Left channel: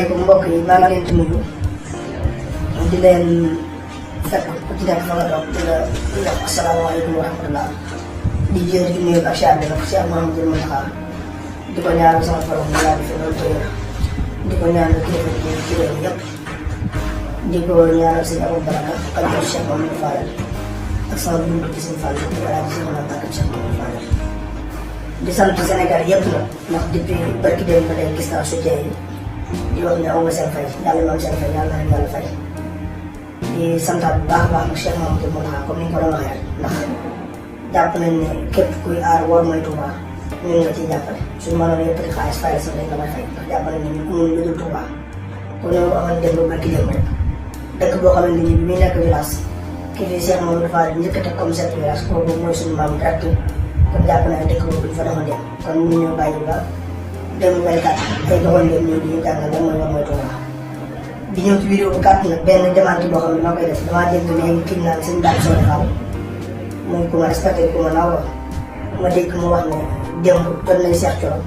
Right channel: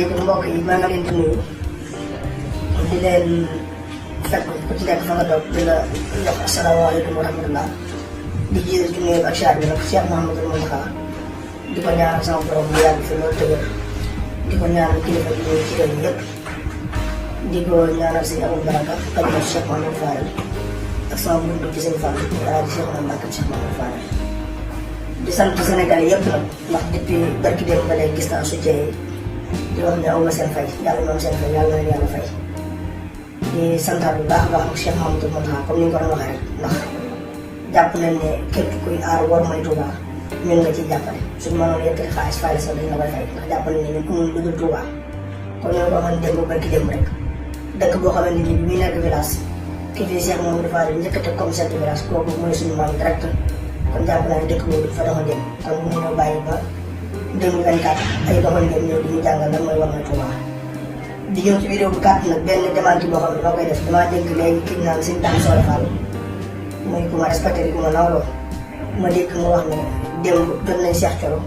asalaamaaleykum mbokk yi maa ngi leen di nuyu di leen fekk ku ci nekk fa nga toog di la jox asalaamaaleykum wa rahmatulah di jéem di nuyu ak Cheikh bi nag Cheikh Mouhamadou Mountakha di ko ñaanal sama borom mu yàgg fi loolu tëjee di ko ñaanal kilifa yi ci réew mi yëpp di ko ñaanal seen amul baraka ak Cheikh Mouhamadou Fadel ak sama buntu ci seen Fall ak Cheikh Mouhamadou Fadel di sant Sénégalais yëpp nag ndax depuis barki démb ba léegi gis naa soutien yi di wax ne aw ma seen fay yàlla na am seen fay yàlla na leen yàlla fay di santaat bu baax a baax Cheikh Mouhamadou Mountakha comme ni ñu ko doon waxee rek ndax jàpp nañ ne képp kuy aar war mooy Touba ñun nga ciy jàppale suñu mënoon yëkkati xaalis fay la sax dañ la koy fay ndax jàpp nañ ne ñun amul lu dul Touba kon ñu waxoon démb barki démb rek dëkk boo xamante ni bi muy nekk village kii fii Cheikh Mouhamadou Fadel njëkk a teg comme chef de village kooku mooy suñu maam direct kon jàpp na ne dëkk boobu du fa demoon dem kon ñu ñoo bàyyi ba 2024 ay doxalinam ñëw di ñu jàngal lan mooy war mooy Touba di ñëw ci vidéo bu gàtt nag benn demande boo xam ne maa koy def damaa dégg léegi kii naan seen daan soo defal muy ku ma respecté di ku ma nawloo ma dégg mu wax ne démb jot nañ Cheikh Thioro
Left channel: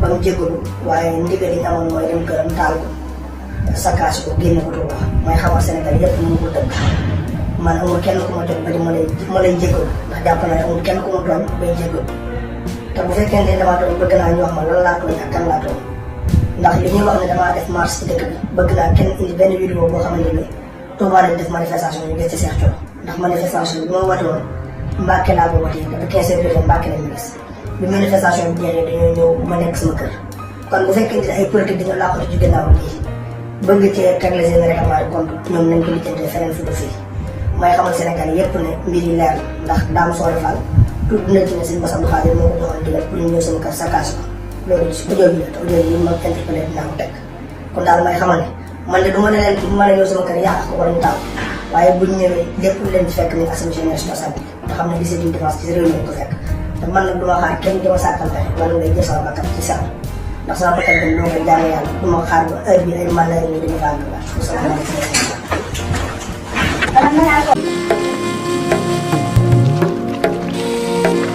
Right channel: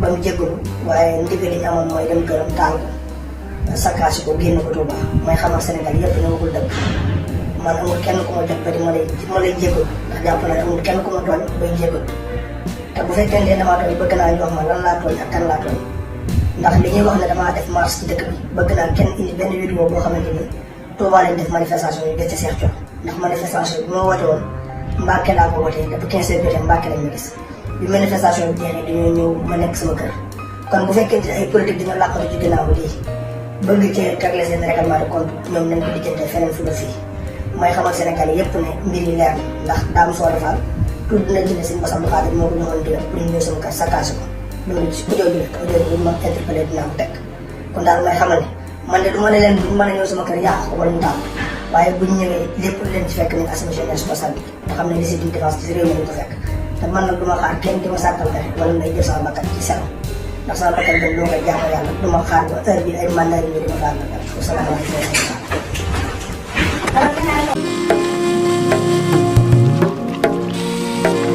ba mu jégalu waaye ndigal yi ñu amoon mooy dem këram taal ko sakkaasi ko génne ko Touba mooy xamal Sénégal yëpp ñu ngi dëgg man amul kenn ku ma jot ba di ma lay jégalu ndax jàpp naa ne amul kenn ku ma tooñ bay jégalu te bu fekkee ne damaa tooñ bëgg naa ñu wax ma lan laa tooñ ak kan laa tooñ ndax li ñuy wax ne damaa def marche ci dëkk bi bëgg naa kenn indi benn vidéo boo xamante ni Touba lañ def manifestation bi gis ci Cheikh Thioro ndax manifestation bi ma woote woon Mbacke laa ko wootee depuis 15 heures jotee Mbacke lañ ma gis bi manifestation bi jeexee dañoo ñëw ma nekk sama kër kon bu fekkee ne ay politique dina làqatu ci ginnaaw lii bëgg cee régler seen règlement de compte ñoom nañ ko lijjantee feneen fu def fii may xamal Sénégal yëpp ne mbir yi leer ndax daam soo defal tudd na ci ne sëñ Bass Abdou Khadre moo ko joxoon digal pour ñu ñëw seen kër saccage ko loolu ci audio bi la te audio yi ma interpellé dinaa ko teg kon daal may xamal ne man de du ma ne leen du ma ne ñëw sama kër yàq ko wala ñu taal waaye buñ ñëwee lépp lu leen ci fekk nañ assumer seen responsabilité nga xam ne li c'est une défense ci réew mi ko fekk te man nag du ma xaar kenn di ma sàkkal fexe wala ngay jël sama bakkan ci sama ndax sama bakkan tam doo koy jaamu yàlla du ma xaar ba heure bi ay man na ñu di ma faal ko sama Thank you.